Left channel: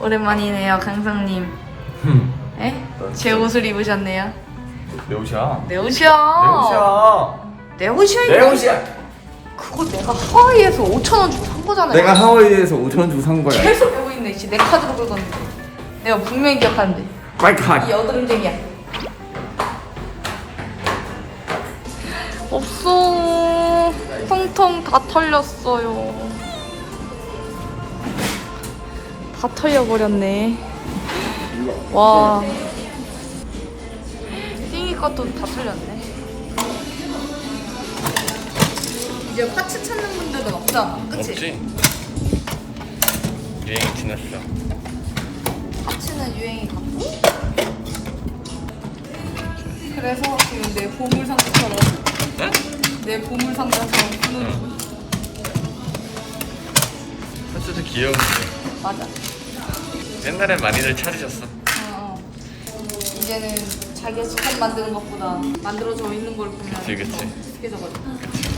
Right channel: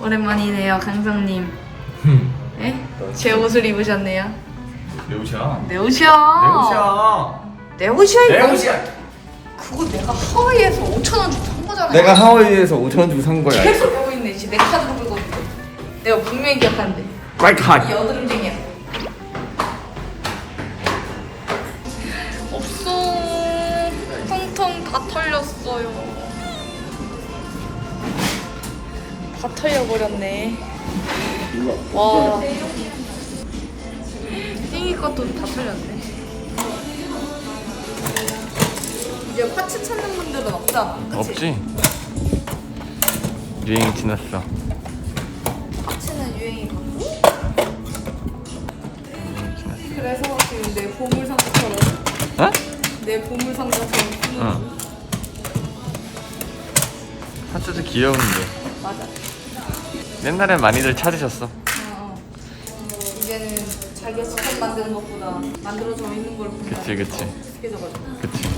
오랜만이네요, 강성님. 에? 제 옷을 입으셨네요. 내 옷이야. 내 옷이야. 내 옷이야, 내 이거. 옷이야. 그거 내가 하와이에서 5천 원 주고 산 거잖아요. 내가 하와이에서 5천 원 주고 산 거야. 계속 보고 있네. 씨. 내 카드로 줬는데. 내가 분명히 기억하는데. 이 가. 여드름쟁이야. 없어. 텅텅 다 털렸어요. 털려버렸네. 와. 생일 것도 다 털렸네. 이제 파츠 찾는 분들은 없잖아. 그치? 없지. 유행이 지났어. 파츠는 유행이 갔고. 그래서 지금 내 보물 상자처럼 응? 내 보물 상자처럼 쓰는 중. 파츠도 귀여운데. 맞아. 옛날에 많이들 찾으셨어. 어, 어. 이제는 자기가 직접 만드는 것보다 만들어져 있는 걸 보면 그치, 그치. 더 익숙해져가지고.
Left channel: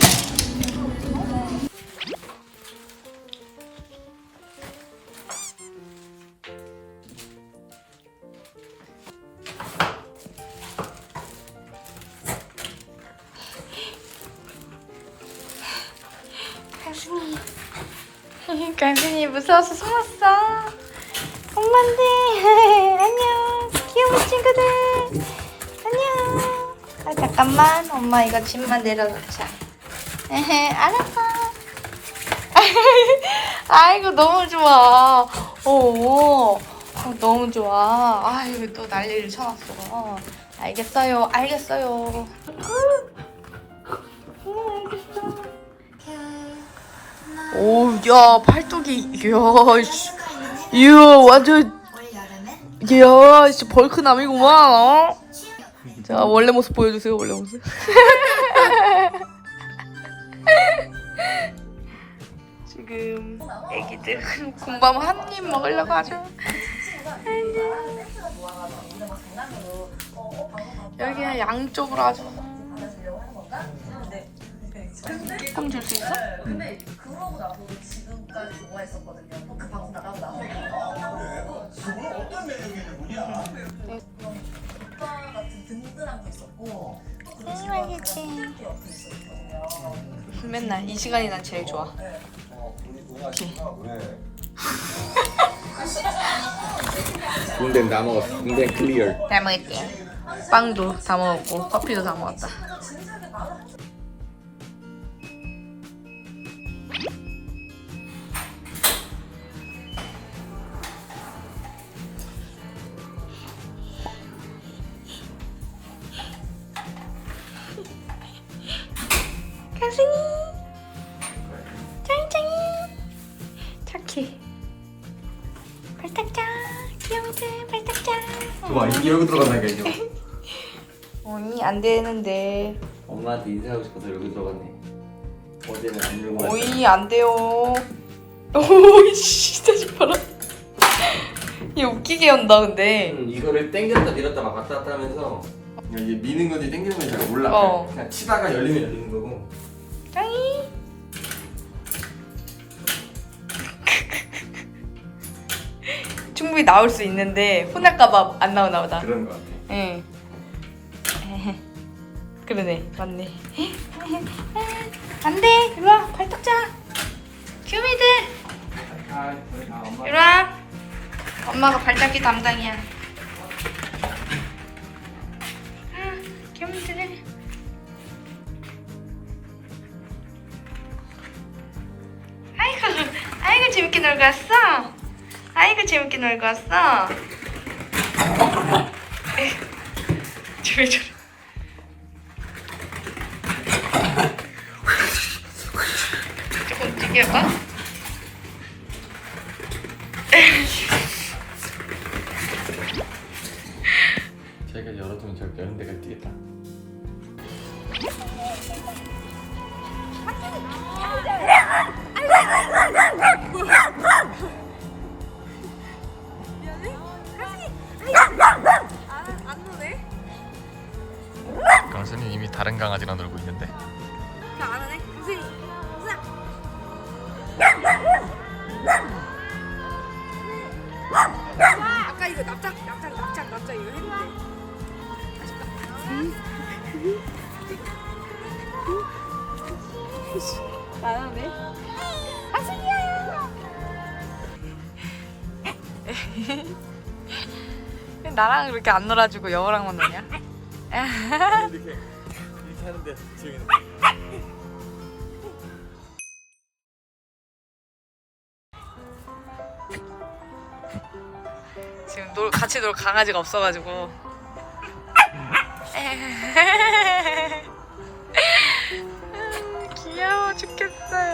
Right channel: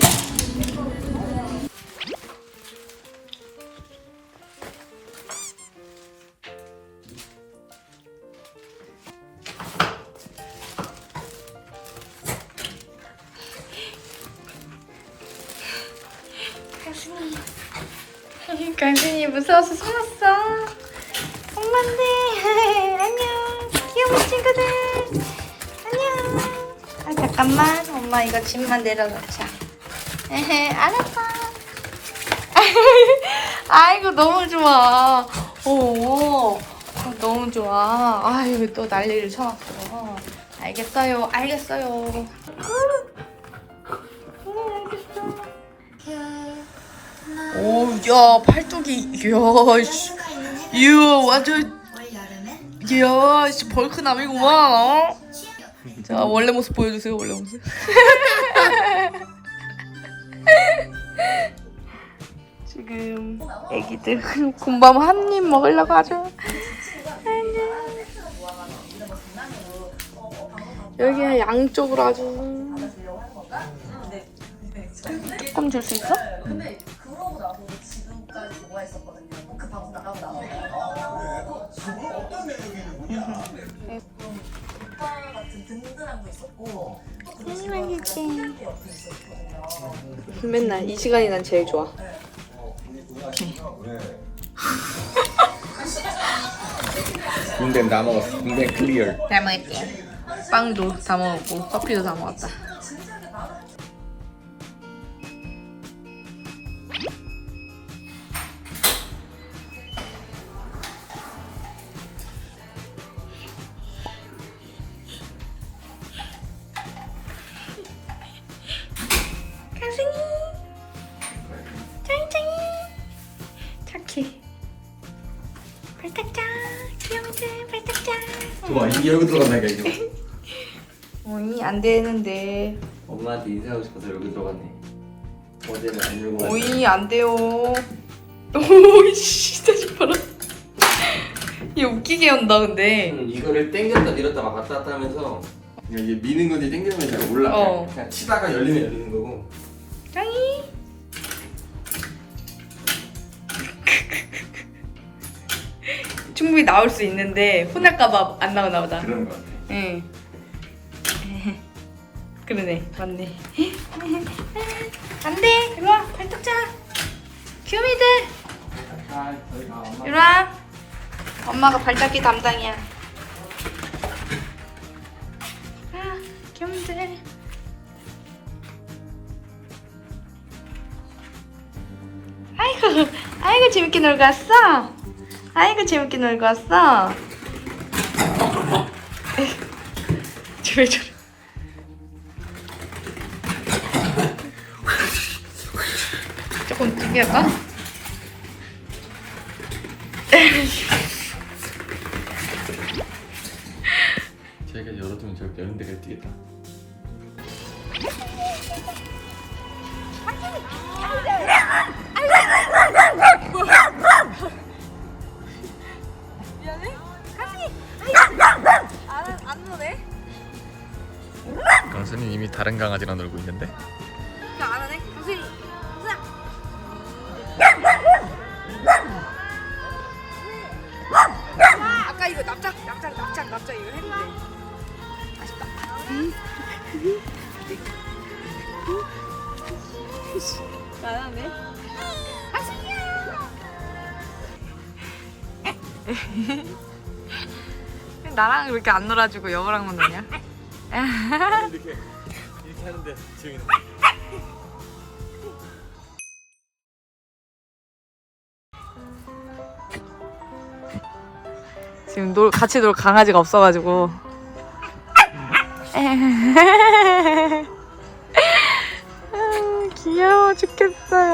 강순이 무서워서 숨었어 엄마인데 안녕. 귀여운 친구들. 안녕. 아 잠깐만. 엄마 이거 짐만 내려놓자. 에헤 알았어 아이고 너무 좋아. 오 아, 너무 좋아. 아이고 또 난리를 쳐놨어. 알겠어요. 알겠어요. 네 알겠어 오, 야, 팔뚝이, 이야, 씨. 이야, 완전, 이야, 씨, 벌크남이구만, 어? 자, 원래 모습 보여주세요, 원래 모습. 지금, 애기들, 군밤 한 입 먹으려고 아주. 여기 양쪽으로 아주. 조금 줄 수 있어? 맨날 이 시간이 난 제일 좋아. 군대 나 먹었어. 군대 클리어. 잘 먹었지. 빵도 다 먹었고 커피도 다 먹었다. 발탁짱 귀여워들 발탁짱 좋아, 이게 여기 들어간다니까 이거. 어이 안 되는데 엄마한테 인사하고 싶어서 여기 들어갔네. 어제는 안 열고 갔다. 어이 안 돼요 오이 진짜 싶어라 얘 웃기게 한다 근데 응, 이거를 당겼다 밀었다 막 왔다 갔다 하면서 그냥 이게 미는 건지 당기는 건지 잘 몰라. 어. 그냥 치다가 열리면 열리는 거고. 짱이 충분히 나올 수 있는데 혼날까봐 안 나오나 보다. 그런 거 같아. 응. 그러네. 맞네. 안 돼. 일로 와. 발톱 자. 귀요미들. 아, 저희 가 엄마. 일로 와. 엄마가 발닦기 담당이야. 아 귀요미들. 아이고 아이고 재밌게 놀고 왔어 아이고 재밌게 놀고 왔어. 왜 저래 조금 할 다른 강아지랑 놀고 있는데. 안 하네? 강수이 강수야 그 납작 납작 납작 납작 이거 했는데 맛있다 나나네 아승이야 나랑 왜 이렇게 안 놀아주고 여우랑만 노냐? 이렇게 이렇게 하는데 지금 지금 놀 같이 놀 강아지가 없어가지고. 아, 귀여워 죽겠어요.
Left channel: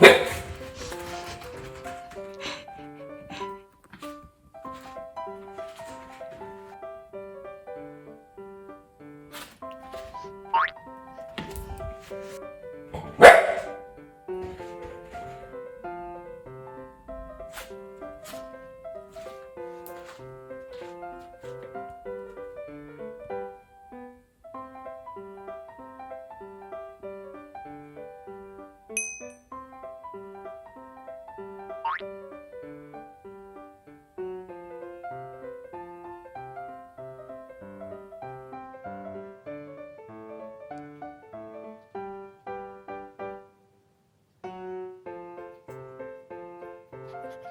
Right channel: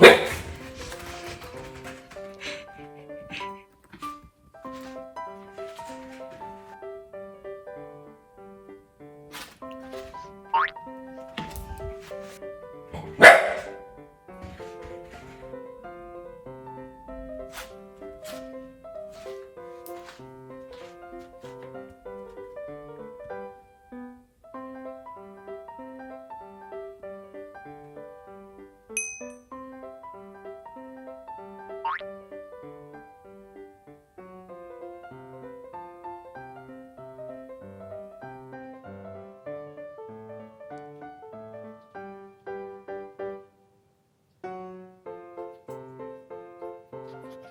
quick.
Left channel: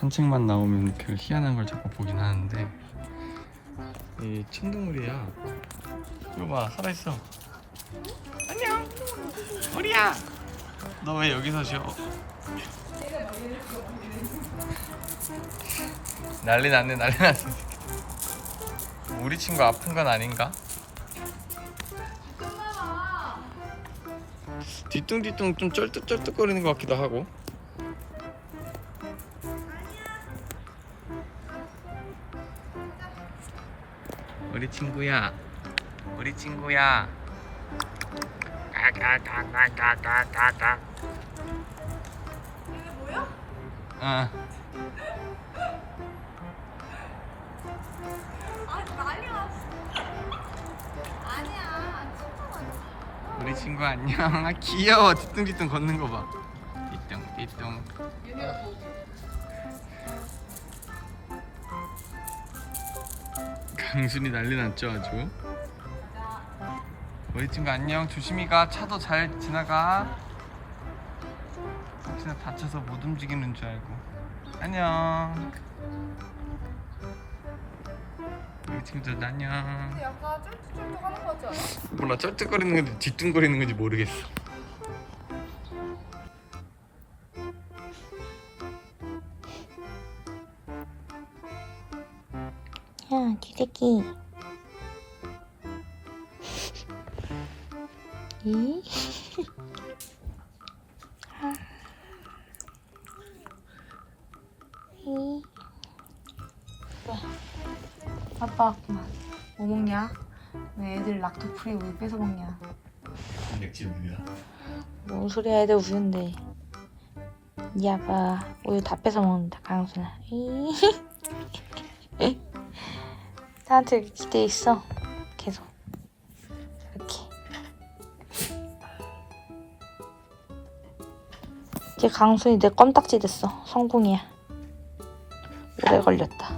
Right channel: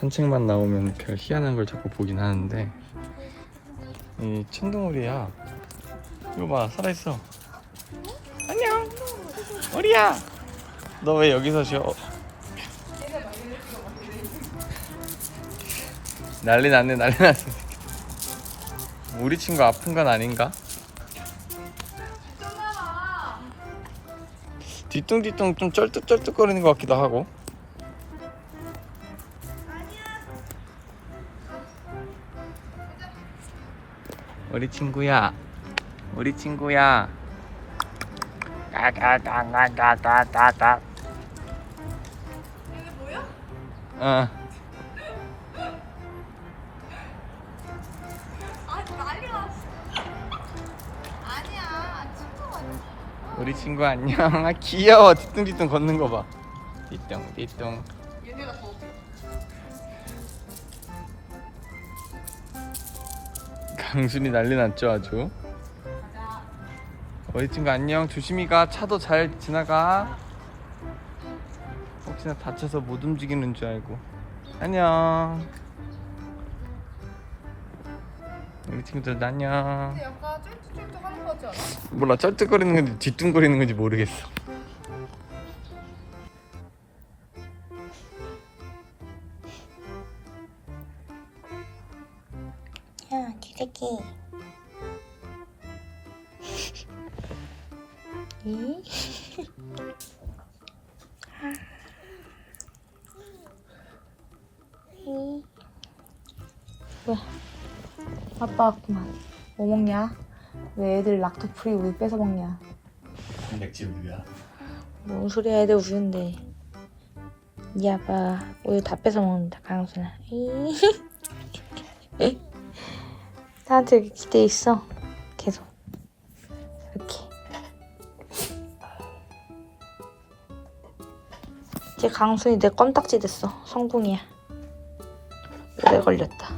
산책만 나오면 별 희한한 걸 자꾸 보긴 하는데. 이 천둥오리야. 이거 봐 살아있어. 안녕! 오리야! 너 왜 여기서 쉬어? 난리 났네 난리 났네. 우리 친구 아픈 건 아닌가? 뒤뚱뒤뚱 좀 쩔뚝쩔뚝거리는 것 같기도 하고 우리 친구야. 우리 친구야. 따따따따따따따 이게 뭐야? 어. 아 난리가. 아니야 진짜. 우리 친구 안녕. 아 귀여워. 뒤뚱뒤뚱 걷는 거봐. 뒤뚱 뒤뚱 강순이 난리 났죠 아주. 우리 친구 안녕. 조심히 가. 차도 잘 지나가. 혹시나 다쳐서 못 움직이는 줄 알고. 안녕. 우리 친구들 안녕. 약간 쫄뚝쫄뚝 하는 거 같지 않아? 몰라 쩔뚝거리는 건지 뒤뚱거리는 건지 모르겠어 응? 응? 뭐야? 아빠 왔구만. 뭐 먹냐? 왜 애들 락토 프리 우유 뺏어 먹냐? 단백질 우유야 뭔 소리야, 애들 우유인데. 이 아빠 우유 다 뺏어 먹는다, 강순아. 나한 테 이렇게 기대 있어. 계속. 이렇게. 이제 강순이 내 껌딱지 됐어. 성공이야. 오래 걸렸다.